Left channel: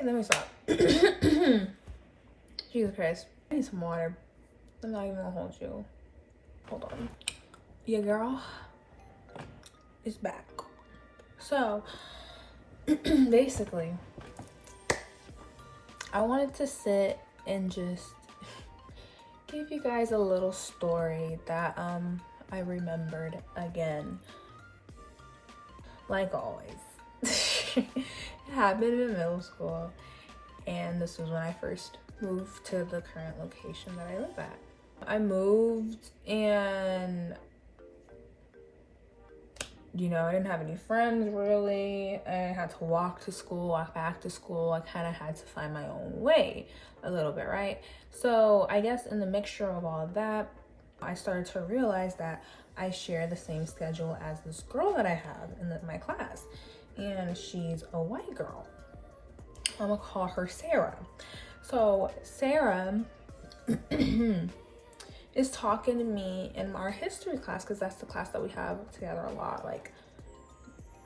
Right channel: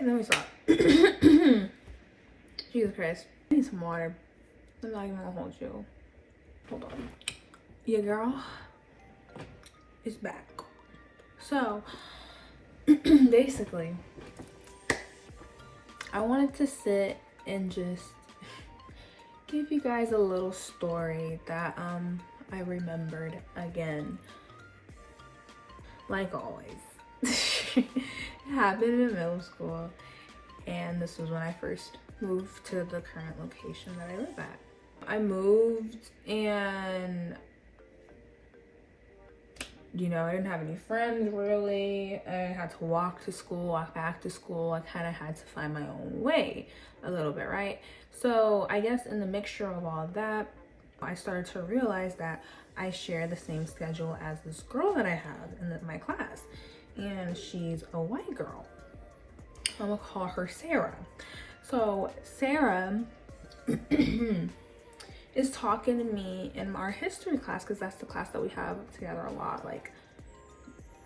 And then we stop. Jesus Christ. I need some water. I'm not even gonna hold you. Hold on. Your girl is back. So, basically, I wanted to sit and just give you guys a little story that I remembered again. Like always. It happened in middle school, and this was when I first moved to the current location that I live at. I moved, and you know, I didn't have any friends really. I had to walk to school, walk back to school. I kind of had to find my own way a little bit, right? So I guess in the mixture of all of that, I started to realize that I share the same schedule as this girl that I have in my class, and she's a white girl. I'm gonna call her Sarah. So Sarah is talking to me in our history class, because that's the class that we have together a lot. Like,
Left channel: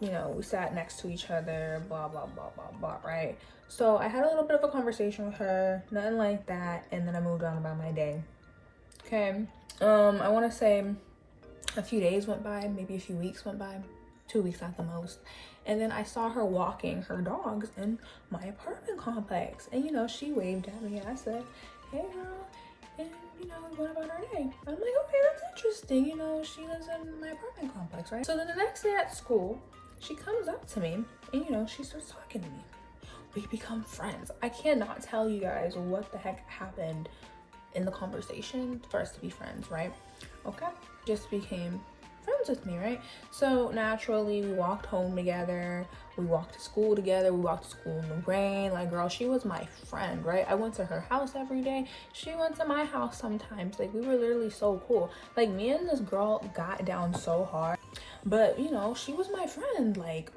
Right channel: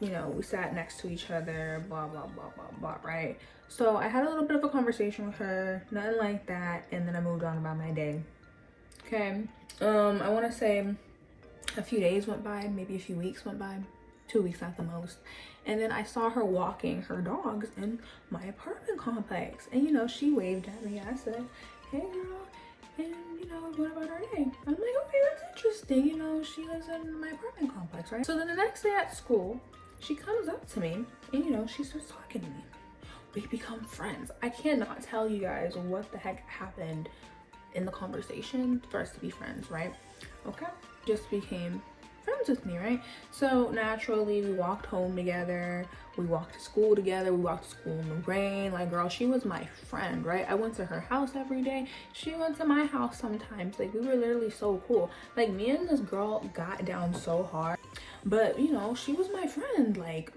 you know, we sat next to each other, blah blah blah blah blah, right? So I had a little bit of a conversation with her, nothing like that, and then I moved on about my day. Okay, I want to say a few days went by, maybe a few weeks went by, 2 weeks at the most, and then I saw her walking her dogs in my apartment complex, and you know, she waved at me. I said, "Hey girl," and you know, what about our day? I'm like, okay, that's interesting. You know, she lives in my apartment complex, right? So then the next day at school, she comes up to me and you know, she starts talking to me. We become friends. I cannot tell you guys what the heck happened in the conversation for us to be friends, right? Okay, just became friends with me, right? So naturally, we walked home together, we walked to school together, we walked to school in the rain. Like, girl, she was my friend, right? I went to her house every day, she went to my house sometimes. Like, we were literally so cool. Like, me and this girl got down so hard, but you know, she was my friend. Like,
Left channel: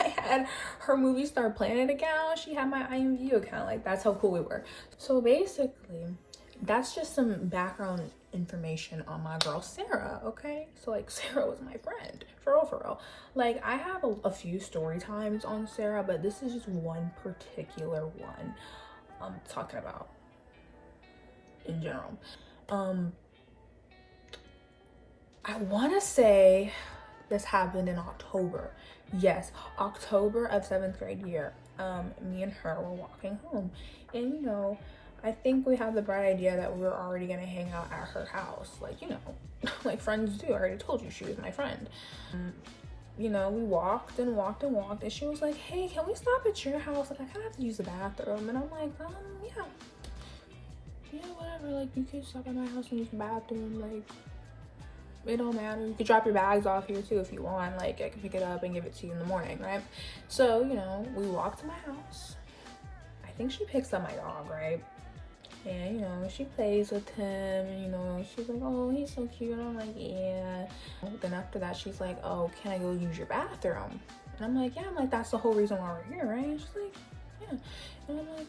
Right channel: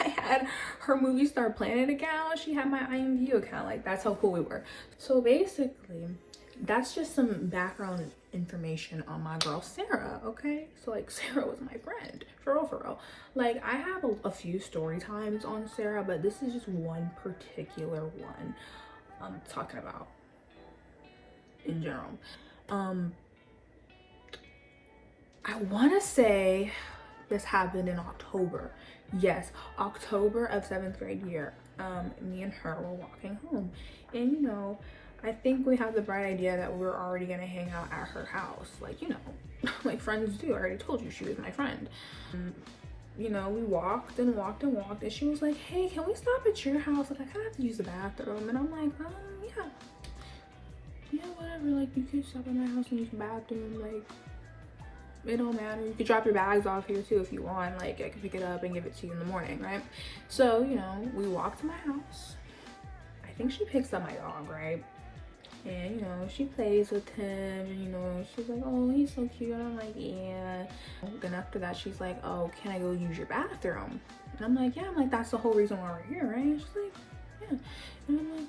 I had her Movie Star Planet account, she had my IMView account. Like, that's how cool we were. So basically, that's just some background information on my girl Sarah, okay? So like, Sarah was my friend, for real. Like, I have a few story times on Sarah, but this is just one particular one I'm talking about in general. I want to say this happened in October. Yes, October of 7th grade year. Me and her were walking home, and you know, I think we had the bright idea that we were already gonna hang out at her house, like, you know, like friends do. I already told you she was my friend. You know, we walked and walked and walked, and she was like, "Hey, can we stop at your house? Like, I kind of have to use the bathroom." And I'm like, yeah, whatever. Like, you could stop at my house and use the bathroom. Like, it don't matter. You could drop your bags off here too if you want. Like, I can pick it up and give it to you in the morning, right? So, you know, we walked to my house. I think she picks up my dog, right? And you know, she plays with him, and you know, she's like, "Oh, he's so cute." And I'm like, "Yeah." Then after that, she's like, "Oh, can I go use your bathroom?" And I'm like, "Yeah." I'm like, "That's the whole reason why we're here, right?" And she's like, "Yeah." And I'm like,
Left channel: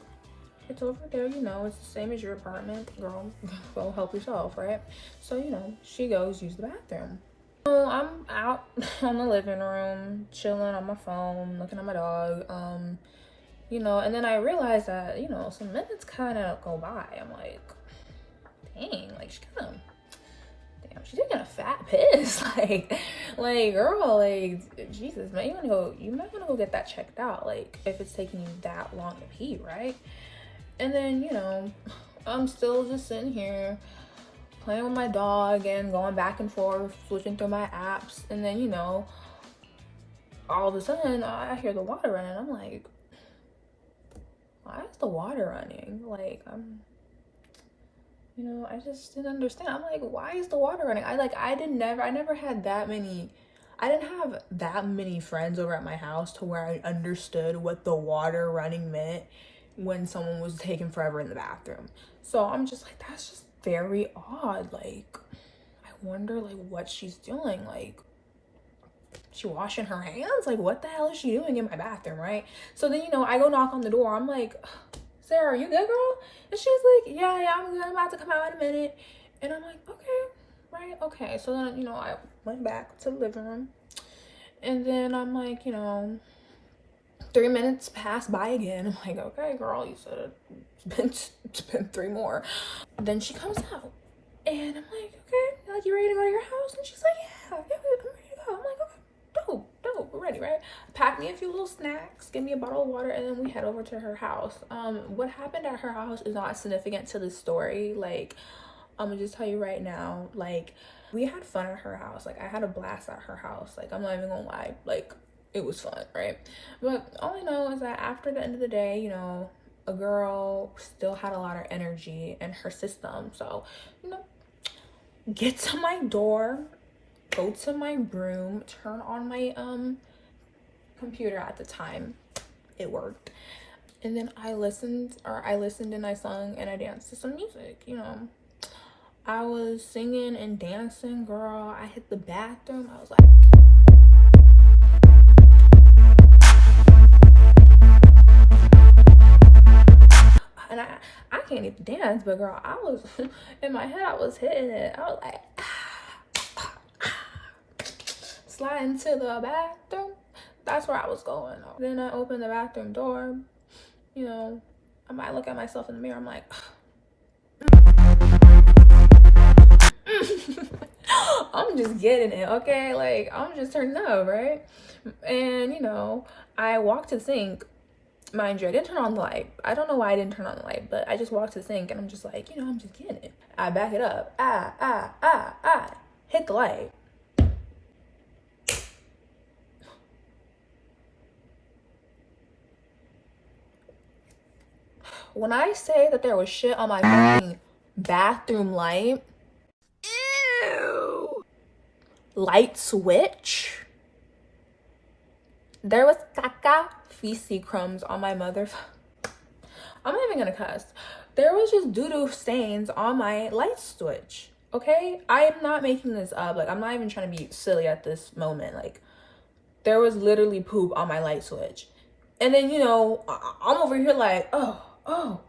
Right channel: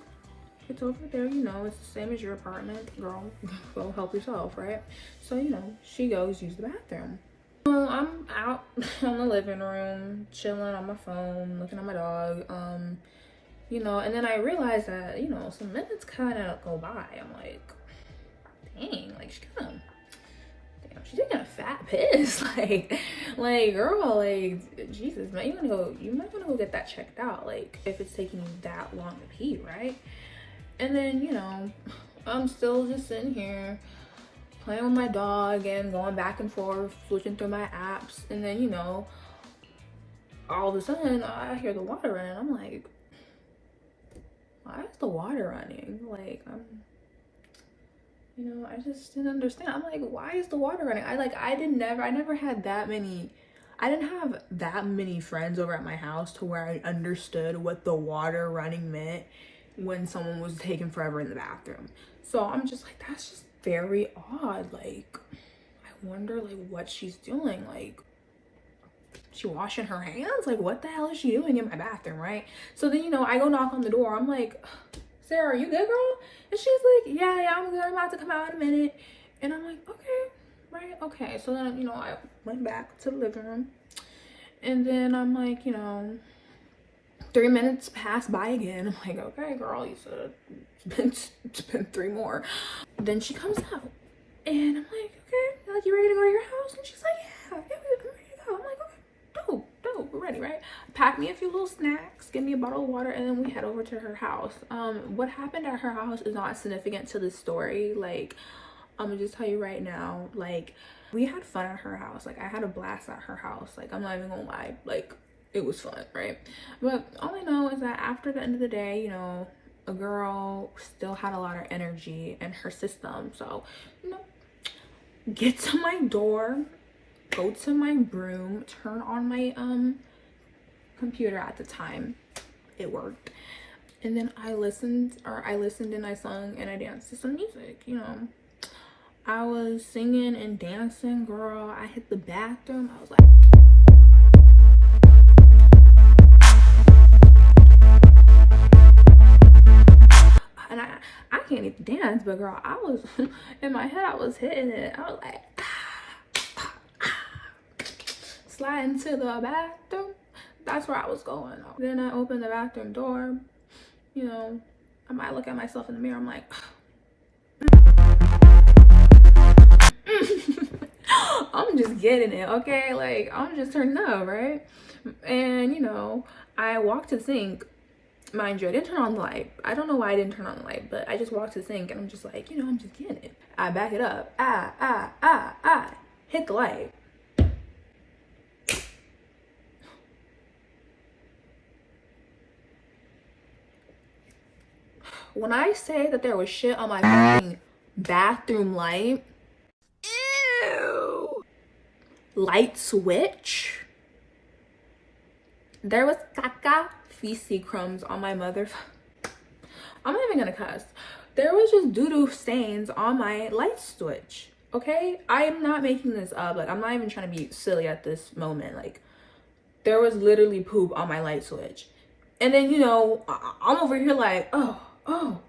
"It's over there, you know, it's the same as your apartment, girl. Go help yourself, right?" So, you know, she goes use the bathroom. So I'm out in the living room, chilling on my phone, looking at my dog. You know, and then I realized that, you know, some minutes kind of go by. I'm like, dang, like, she's taking a fat piss. like, girl, like, Jesus, man, you might want to go get that checked out. Like, if it's taking you that long to pee, right? And then, you know, I'm still just sitting here playing with my dog and going back and forth, switching through my apps. And then, you know, all of a sudden, I hear the water running. I'm like, why is the water running? Like, you know, I just didn't understand. I'm like, why is the water running? I never had that many, I didn't have that many friends over at my house to where I understood what the water running meant when someone was taking forever in the bathroom. So I'm just like, that's just very odd. Like, I wonder like what she's doing. Like, she washing her hands? Like, what the hell is she doing in my bathroom, right? So then, you know, I go knock on the door. I'm like, "Sarah, you good, girl?" And she's like, yeah, I'm good. I'm about to come out in a minute." And I'm like, okay, right, okay. So then, you know, I went back to the living room. And then I'm like, you know, 3 minutes pass by again. I'm like, okay, girl, you said it's been 3 more. Then she comes out, and I'm like, okay, like, you ready to go to your house? And she's like, yeah, I'm ready to go. I'm like, okay, dope, we're ready, right? Pack me a few little snacks, give me a bottle of water, and then we head over to her house. What happened at her house is not significant to the story. Like, I'm gonna just tell you right now, like, we had fun at her house. Like, I had a blast at her house. Like, I'm not even gonna lie, like, it was fun, right? But all I know is that after the end of the day, you know, a girl still had a lot of energy in her system. So, you know, get to my door, go to my room, turn on my computer at the time. It worked. And then I listened and I sung and I danced to some music, you know. I was singing and dancing, girl. I hit the bathroom. I was like, and I can't even dance, but girl, I was in my head, I was hitting it. I was like, sliding to the bathroom. That's where I was going. Then I opened the bathroom door. You know, I might look at myself in the mirror. I'm like, I'm just getting it, okay? Like, I'm just turned up, right? And, you know, I walked to the sink. Mind you, I didn't turn on the light. I don't know why I didn't turn on the light, but I just walked to the sink and I'm just like, you know, I'm just getting it. I back it up. Hit the light. When I say that there was shit on my fucking bathroom light, ew, light switch, there was caca feces crumbs on my mother. I'm not even gonna cuss. There was just doo-doo stains on my light switch, okay? I am not making this up. Like, I'm not even trying to be silly at this moment. Like, there was literally poop on my light switch. And then, you know, I'm over here like, oh. And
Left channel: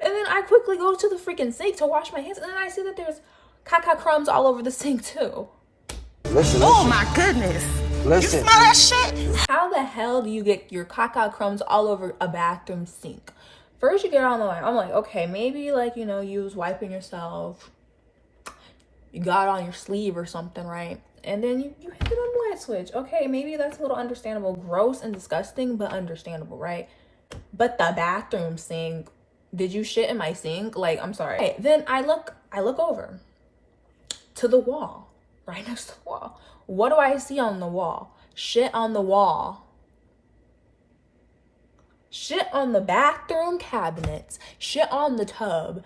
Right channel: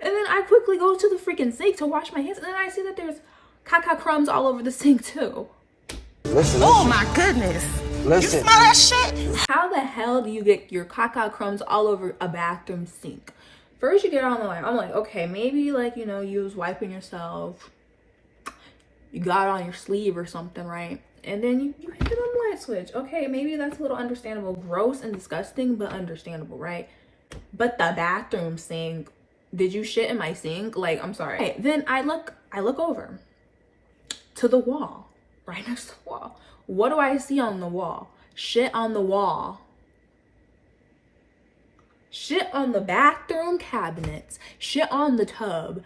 then I quickly go to the freaking sink to wash my hands, and then I see that there's caca crumbs all over the sink too. Listen. Oh my goodness. Listen. You smell that shit? How the hell do you get your caca crumbs all over a bathroom sink? First you get on the line. I'm like, okay, maybe like, you know, you was wiping yourself. You got it on your sleeve or something, right? And then you hit it on the light switch. Okay, maybe that's a little understandable. Gross and disgusting, but understandable, right? But the bathroom sink, did you shit in my sink? Like, I'm sorry. Okay, then I look over to the wall, right next to the wall. What do I see on the wall? Shit on the wall. Shit on the bathroom cabinets. Shit on the tub.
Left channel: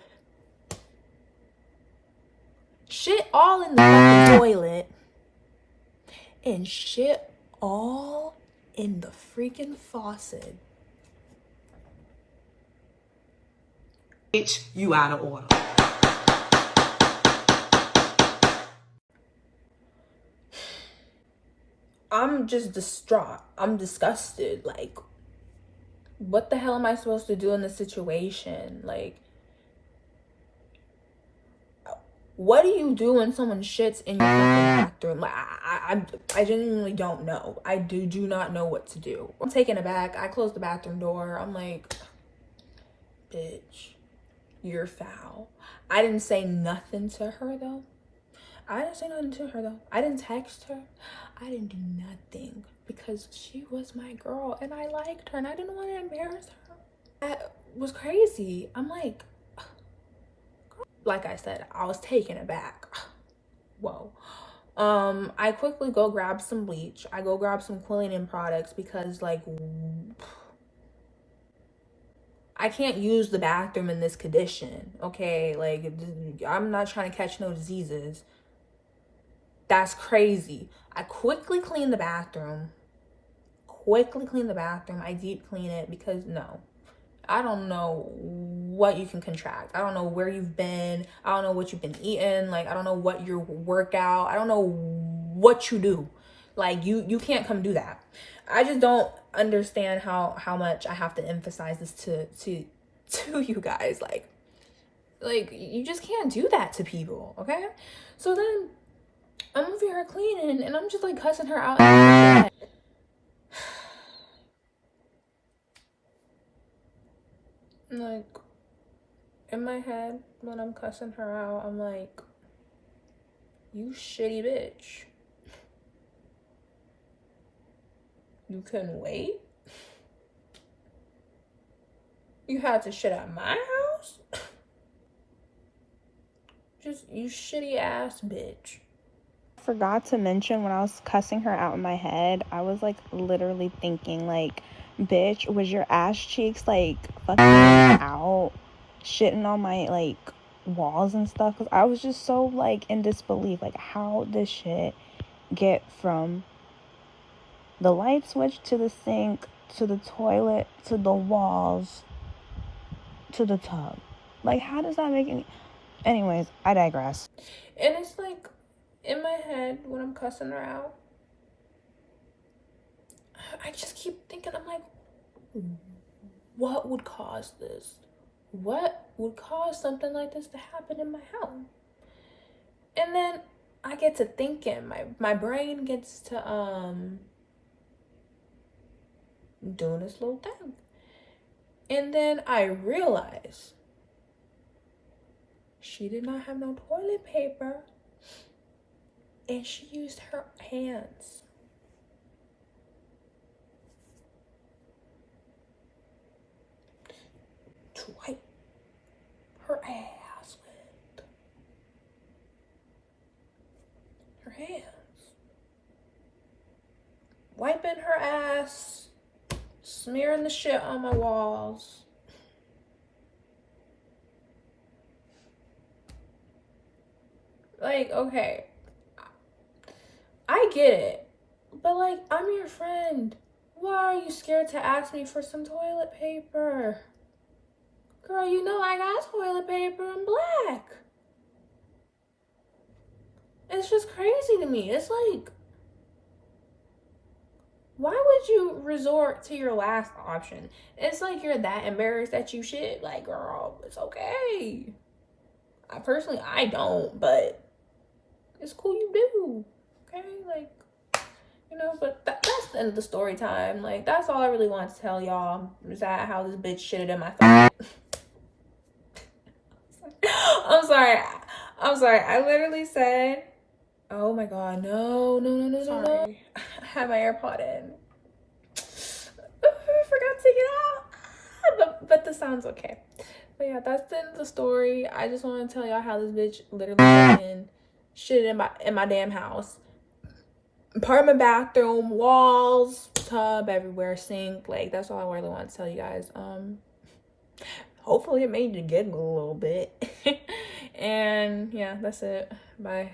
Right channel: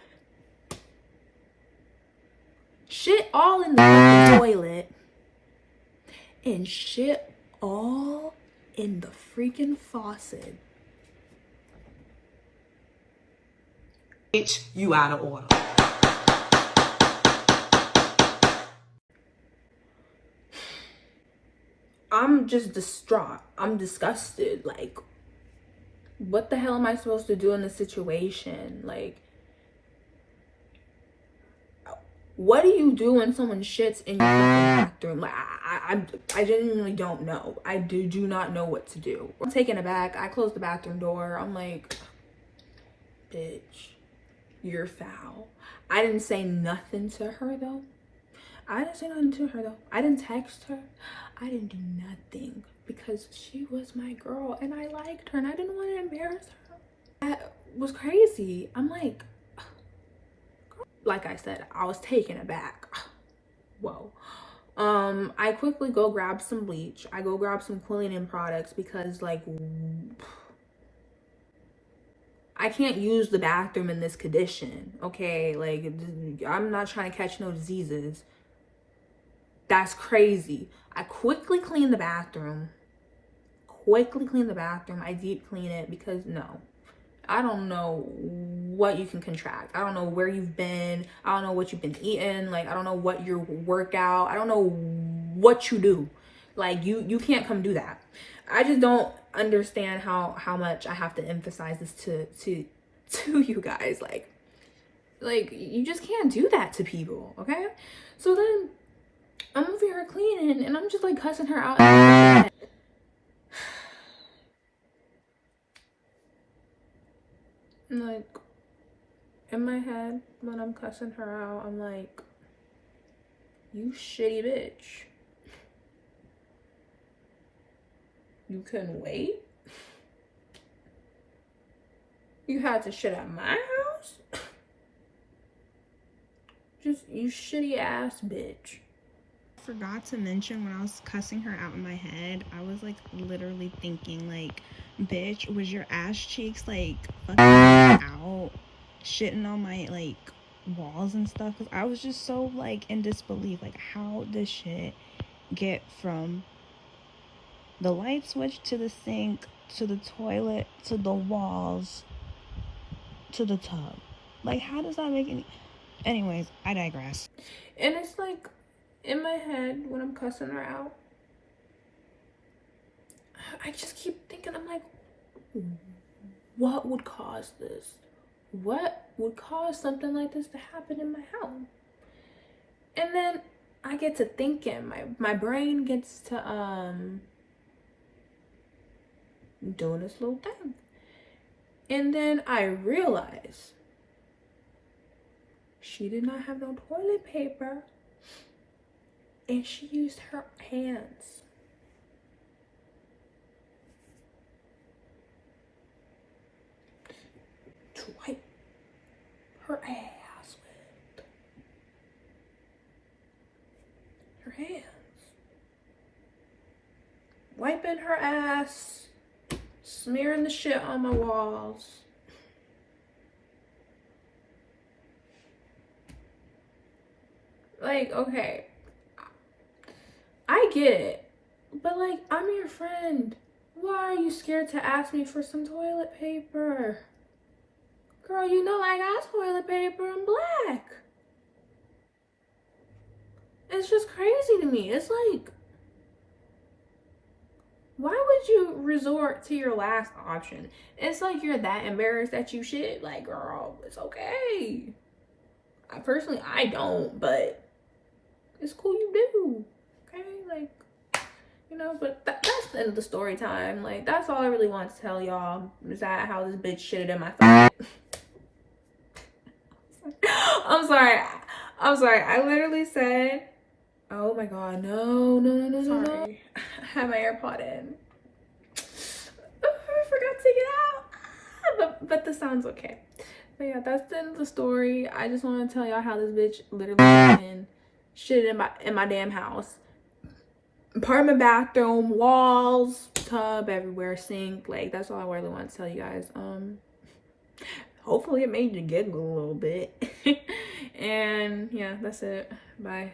Shit all in the toilet. And shit all in the freaking faucet. Bitch, you out of order. I'm just distraught. I'm disgusted. Like, what the hell am I supposed to do in this situation? Like, what do you do when someone shits in your bathroom? Like, I genuinely don't know. I do not know what to do. I'm taken aback. I close the bathroom door. I'm like, bitch, you're foul. I didn't say nothing to her though. I didn't text her. I didn't do nothing because she was my girl and I liked her and I didn't want to embarrass her. That was crazy. I'm like I said, I was taken aback. Whoa. I quickly go grab some bleach. I go grab some cleaning products because, like, I can't use the bathroom in this condition, okay? Like, I'm not trying to catch no diseases. That's crazy. I quickly clean the bathroom. I deep clean it because, no. I don't know what you can contract. I don't know where you've been. I don't know what you've been eating. Like, I don't know what your workout. I don't know what you do. Like, you can't come do that. I just don't understand how much I have to emphasize this to you guys. Like you just can't do that to people, okay? So then I'm over here cleaning and I'm just like cussing her out. Like, in my head, when I'm cussing her out, I'm like, you shitty bitch. You couldn't wait? You had to shit at my house? Just, you shitty ass bitch. Forgot to mention, when I was cussing her out in my head, I was like literally thinking like, bitch, was your ass cheeks like fucking out, shitting on my like walls and stuff? Because I was just so like in disbelief, like how this shit get from the light switch to the sink to the toilet to the walls to the tub. Like, how does that make it? Anyways, I digress. And it's like, in my head, when I'm cussing her out, I just keep thinking, I'm like, what would cause this? What would cause something like this to happen in my house? And then I get to thinking, my brain gets to doing this little thing. And then I realize she did not have no toilet paper, and she used her hands. To wipe her ass with her hands. Wiping her ass, smearing the shit on my walls. Like, okay, I get it, but like, I'm your friend. Why are you scared to ask me for some toilet paper? Girl, you know I got toilet paper in black. It's just crazy to me. It's like, why would you resort to your last option? It's like you're that embarrassed that you shit. Like, girl, it's okay. I don't, but it's cool you do. Okay? Like, you know, but that's the end of the story time. Like, that's all I really want to tell y'all. Is that how this bitch shitted in my throat. I'm sorry. I literally said, oh my god, no. I had my AirPod in. I forgot to take it out. But the sound's okay. But yeah, that's the end of the story. I just want to tell y'all how this bitch literally shit in my damn house. Apartment bathroom, walls, tub everywhere, sink. Like, that's all I really want to tell you guys. Hopefully it made you giggle a little bit. And yeah, that's it. Bye.